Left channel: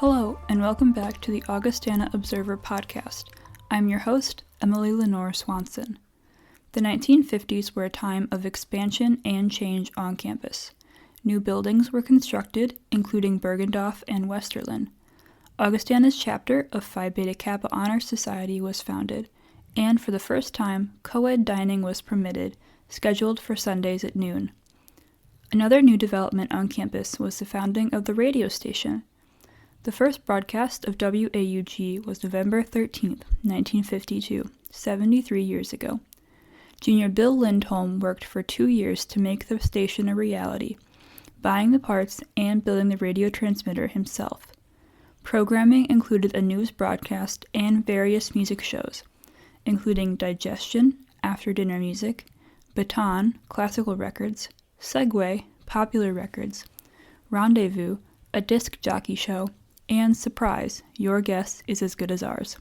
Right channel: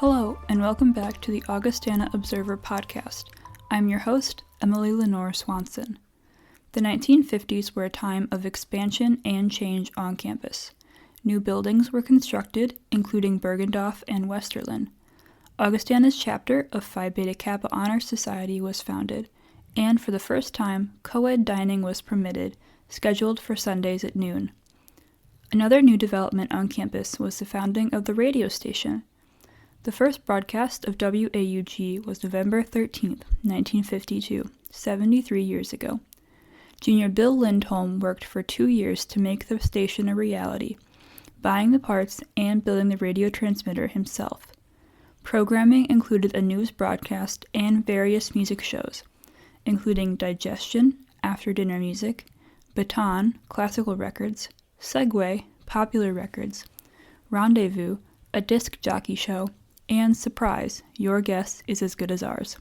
Hello, and welcome back to the Augustana Observer podcast. I'm your host, Emily Swanson. The 1950s were a time of expansion and change on campus. New buildings were constructed, including Bergendorf and Westerlin. Augustana's chapter of Phi Beta Kappa Honor Society was founded, and for the first time, co-ed dining was permitted, scheduled for Sundays at noon. Another new development on campus was the founding of the radio station. The first broadcast of WAUG was November 13, 1952, 73 years ago. Junior Bill Lindholm worked for 2 years to make the station a reality, buying the parts and building the radio transmitter himself. Programming included a news broadcast and various music shows, including Digestion, after-dinner music, Baton, classical records, Segway, popular records, Rendezvous, a disc jockey show, and Surprise, your guess is as good as ours.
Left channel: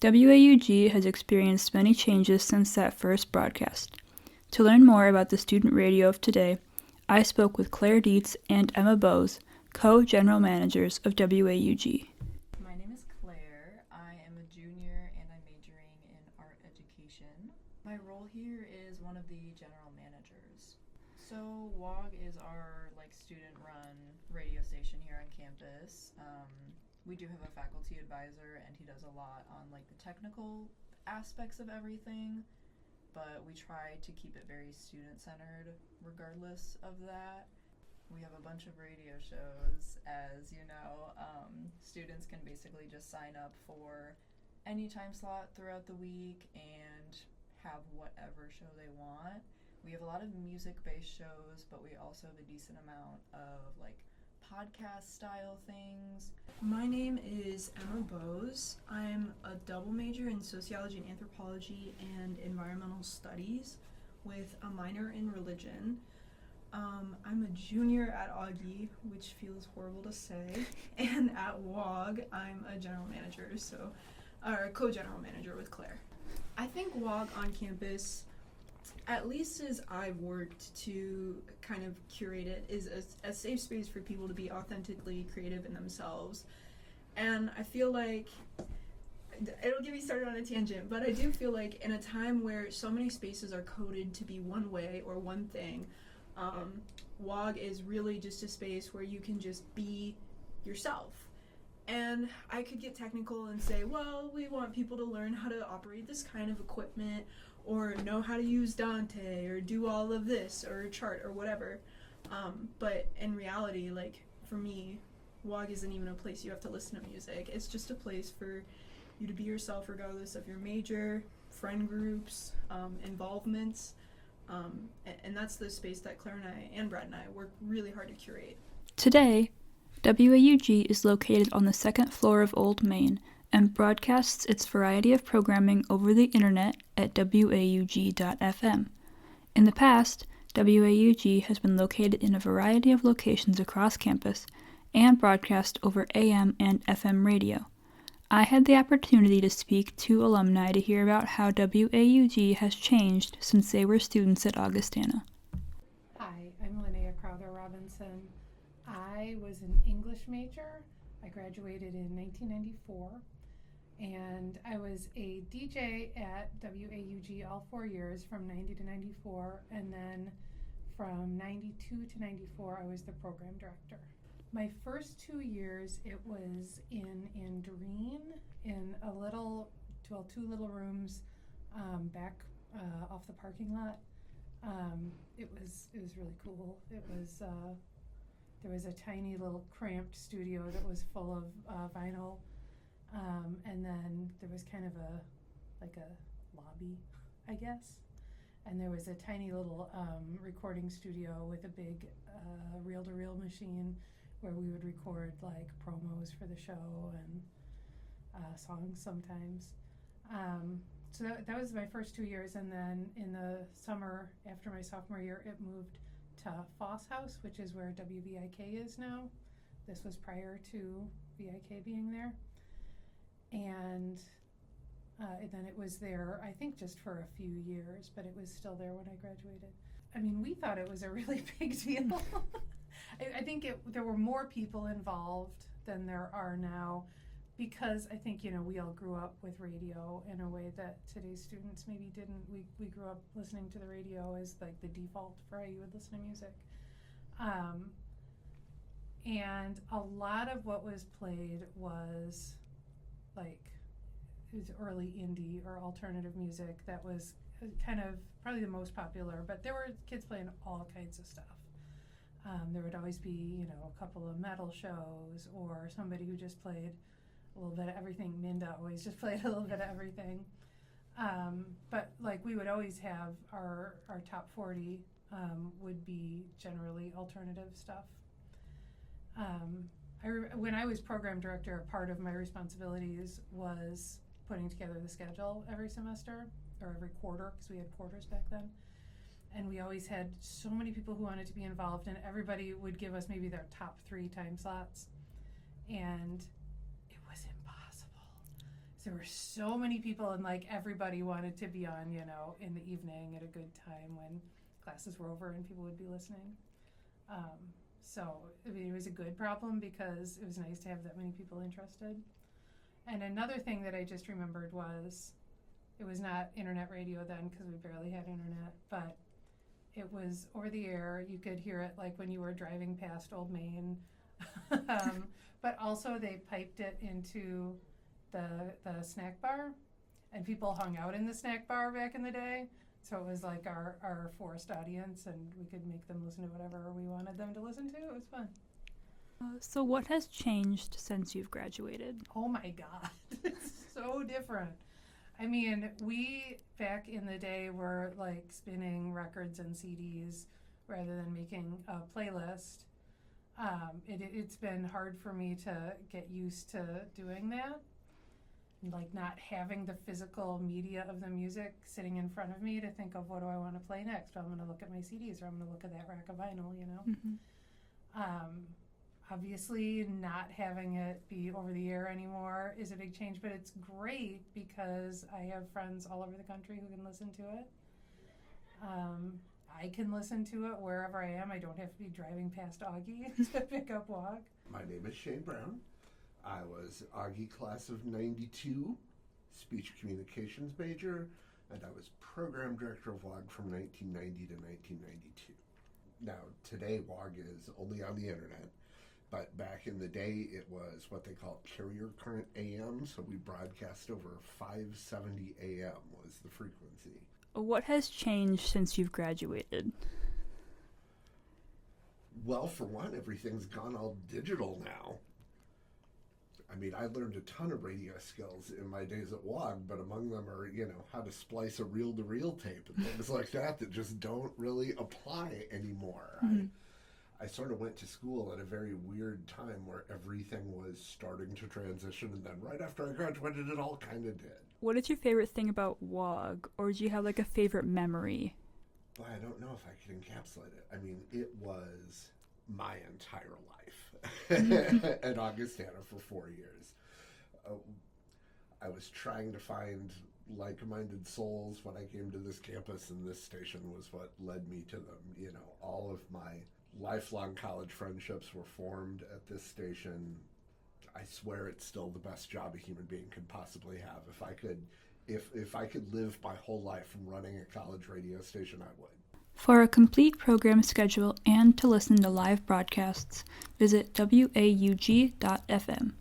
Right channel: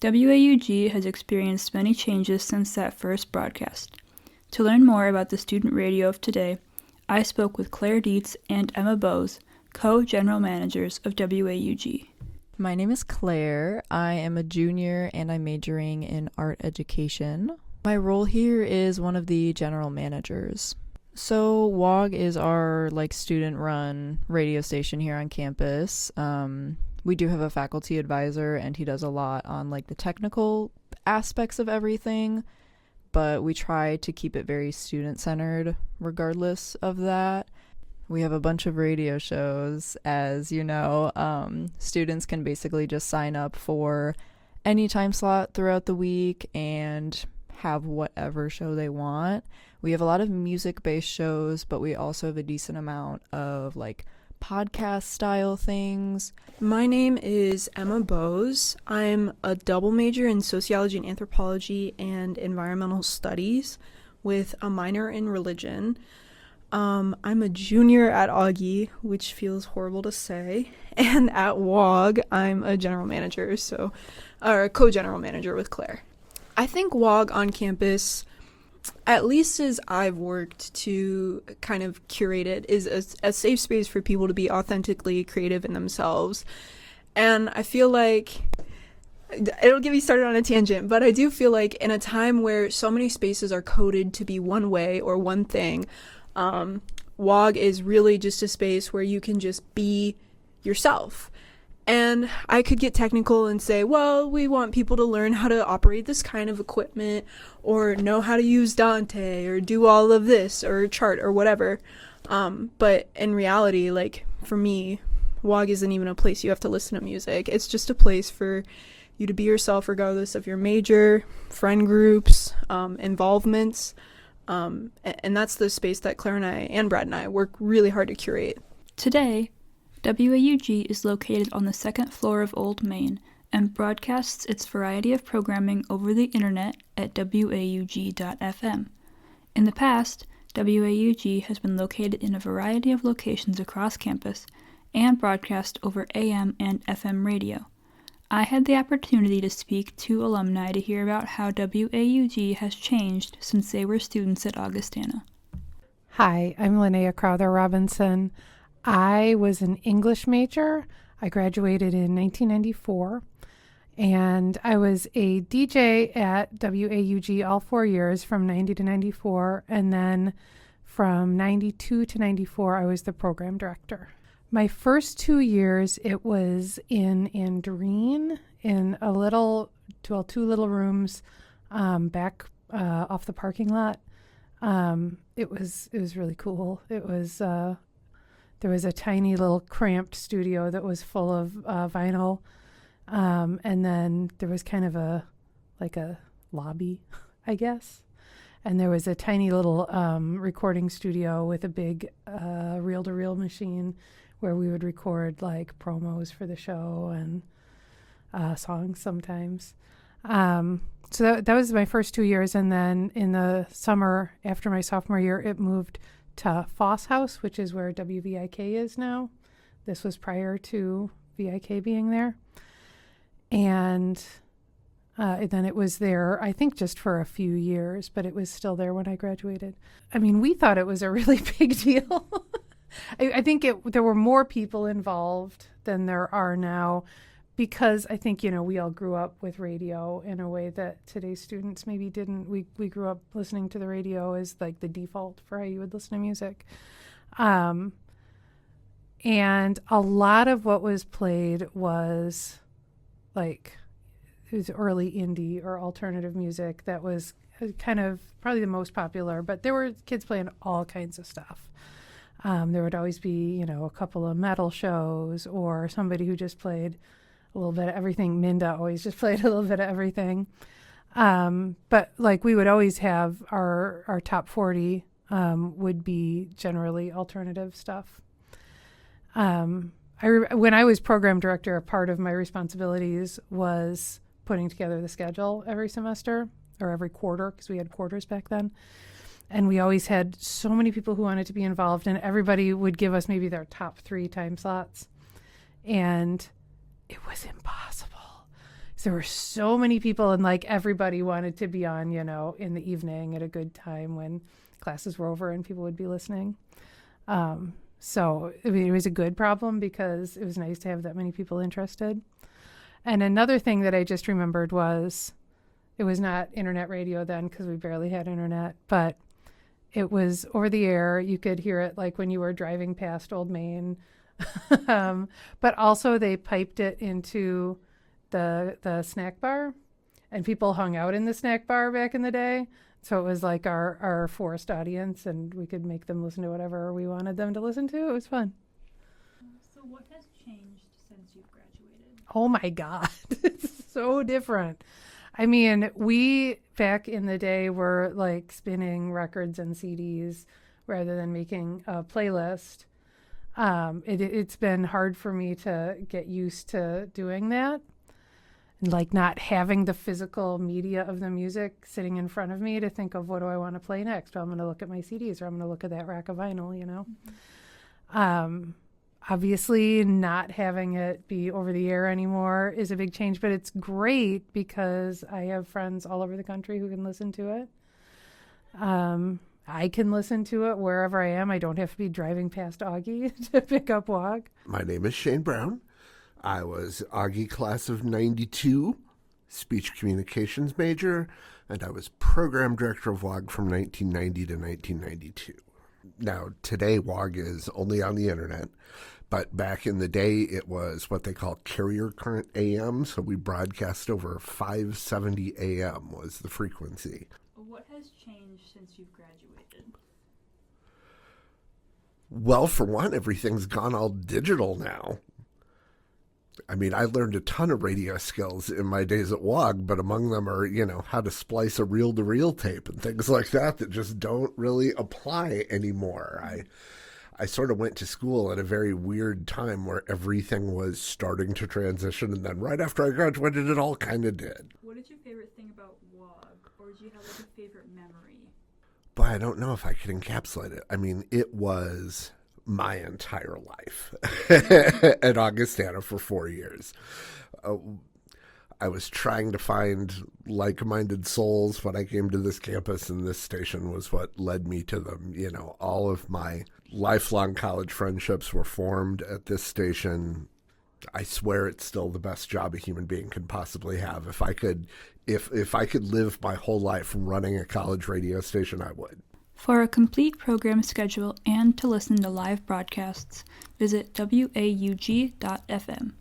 WAUG has experienced many changes since that first broadcast. To learn more about the student radio of today, I spoke with Claire Dietz and Emma Bowes, co-general managers of WAUG. My name is Claire. I am a junior and I'm majoring in art education. My role here is one of the general managers. So WAUG is our student-run radio station here on campus. We do have a faculty advisor, and he does a lot on the technical aspects of everything, but we try to keep it very student-centered regardless of that. We have a bunch of radio shows, as you know. Students can basically just sign up for any time slot throughout the week and have whatever show they want. We have a lot of music-based shows, but we also have a decent amount of podcast-style things. My name is Emma Bowes. I'm a double major in sociology and anthropology and environmental studies with a minor in religion. I'm a junior at Augie, which feels horrible to say, and at WAUG, I'm a general manager, or a co-general manager with Claire. I think WAUG on campus, at least as I've worked to kind of curate it, is a safe space for people to be authentically creative in themselves. And I feel like, it'll get me started on a tangent, but I do feel like in a time where so many spaces are coded to be one way or one thing, WAUG is really just a space where you can just be yourself. And I could get technical and say, well, we want people to learn how to operate this kind of equipment or know how to use Dante or do all of this or chart or whatever. But in reality, for me, WAUG isn't even a place you have to listen to music. It's just a place for you to be yourself regardless of your major, friend groups, involvements. And that's the space that Claire and I and Brad and I work really hard to curate. Today, WAUG is located on the second floor of Old Main and broadcasts its variety of programming over the internet at WAUG.FM. In the past, WAUG has been located in a variety of locations across campus and broadcast over AM and FM radio. I had the opportunity to speak to alumni to hear about how WAUG has changed since they were students at Augustana. Hi, I'm Linnea Crowther Robinson. I was an English major. I graduated in 1994, and I was a DJ at WAUG all 4 years from 90 to 94, and then from 92 to 94, I was the program director. My first 2 years, it was in Andreen, in two little rooms back off the parking lot. It was really cool. There was a tiny little cramped studio that was full of vinyl, and then there was kind of a lobby, I guess. And there was a tiny little recording studio with a big reel-to-reel machine where we would record promos for the show and songs sometimes. So that was my first 2 years, and then in the summer after my sophomore year, it moved to Foss House, which is where WVIK is now. This was prior to VIK being there. And then it was there, I think, just for a few years, but it was still there when I graduated. I mean, we thought it was a really big deal. I think there were more people involved than there are now, because I think, we all grew up with radio in a way that today's students maybe didn't. We grew up listening to the radio as like the default for how you would listen to music. And a lot of what was played was like, it was early indie or alternative music that was kind of probably the most popular, but there were kids playing all kinds of stuff. There would always be, a couple of metal shows or somebody who just played a little bit of everything. Minda always just played a little bit of everything. But like we would always have our top 40 would be generally alternative stuff. When I was program director, a part of my responsibilities was putting together the schedule every semester or every quarter, because we had quarters back then. And we always had so many people who wanted to be involved, and everybody would give us maybe their top 3 time slots. And it was impossible. There were so many people, and like everybody wanted to be on, in the evening at a good time when classes were over and people would be listening. So it was a good problem because it was nice to have that many people interested. And another thing that I just remembered was, it was not internet radio then because we barely had internet, but it was over the air. You could hear it like when you were driving past Old Main. But also they piped it into the snack bar, and people hung out in the snack bar back in the day. So it was like our forced audience, and we could make them listen to whatever we wanted them to listen to. It was fun. So what has changed since you've graduated? Oh my God, it's so different. I mean, we back in the day were like spinning records and CDs rather than making a playlist. It's been hard for me to get used to doing that. Like not having the physical media of the music sitting in front of me to think of what do I want to play next. Well, I'm going to look at my CDs, or I'm going to look at that rack of vinyl, Obviously, not having it be over the air anymore is a big change, but it's great because I have friends all over the country who can listen to it. I can listen to it wherever I am. I don't have to be driving past Augie to pick up WAUG. My name is Shane Brown. I was Augie class of 92, speech communications major, and I was program director of WAUG from 1990 to 1992. Now, today WAUG is only on the internet, but back in the day it was what they call carrier current AM, so we broadcast over 570 AM was the frequency. What has changed since you've graduated? Well, for one, everything's gone all digital now. I mean, I learned a ton of radio skills in my days at WAUG, but among them are, how to splice a reel-to-reel tape and things like that just don't really apply anymore. Mm-hmm. I sort of went to school at a very weird time where everything was starting to transition, and then right after I graduated, it all kind of did. What is your favorite thing about WAUG, or do you have like a favorite memory? But I don't know if I could encapsulate it. I mean, it was my entire life at Augustana for 4 years. I was trying to find like-minded souls when I came to this campus, and this station was what led me to them. All of my lifelong college friendships were formed at this station. I swear it's still the best job a human being could possibly have. If I could live my whole life running a college radio station, I would. For a complete program schedule and to listen to live broadcasts, visit WAUG.FM.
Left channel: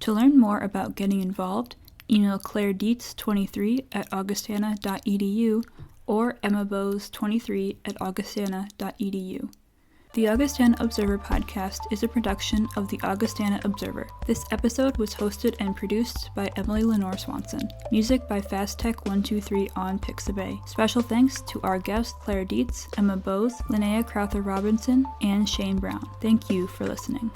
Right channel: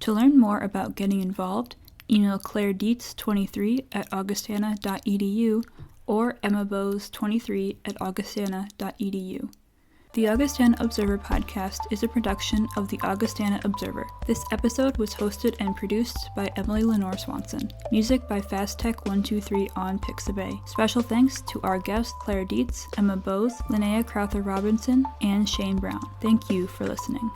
To learn more about getting involved, email Claire Dietz 23 at augustana.edu or Emma Bose 23 at augustana.edu. The Augustana Observer podcast is a production of the Augustana Observer. This episode was hosted and produced by Emily Swanson. Music by FastTech123 on Pixabay. Special thanks to our guests Claire Dietz, Emma Bose, Linnea Crowther Robinson, and Shane Brown. Thank you for listening.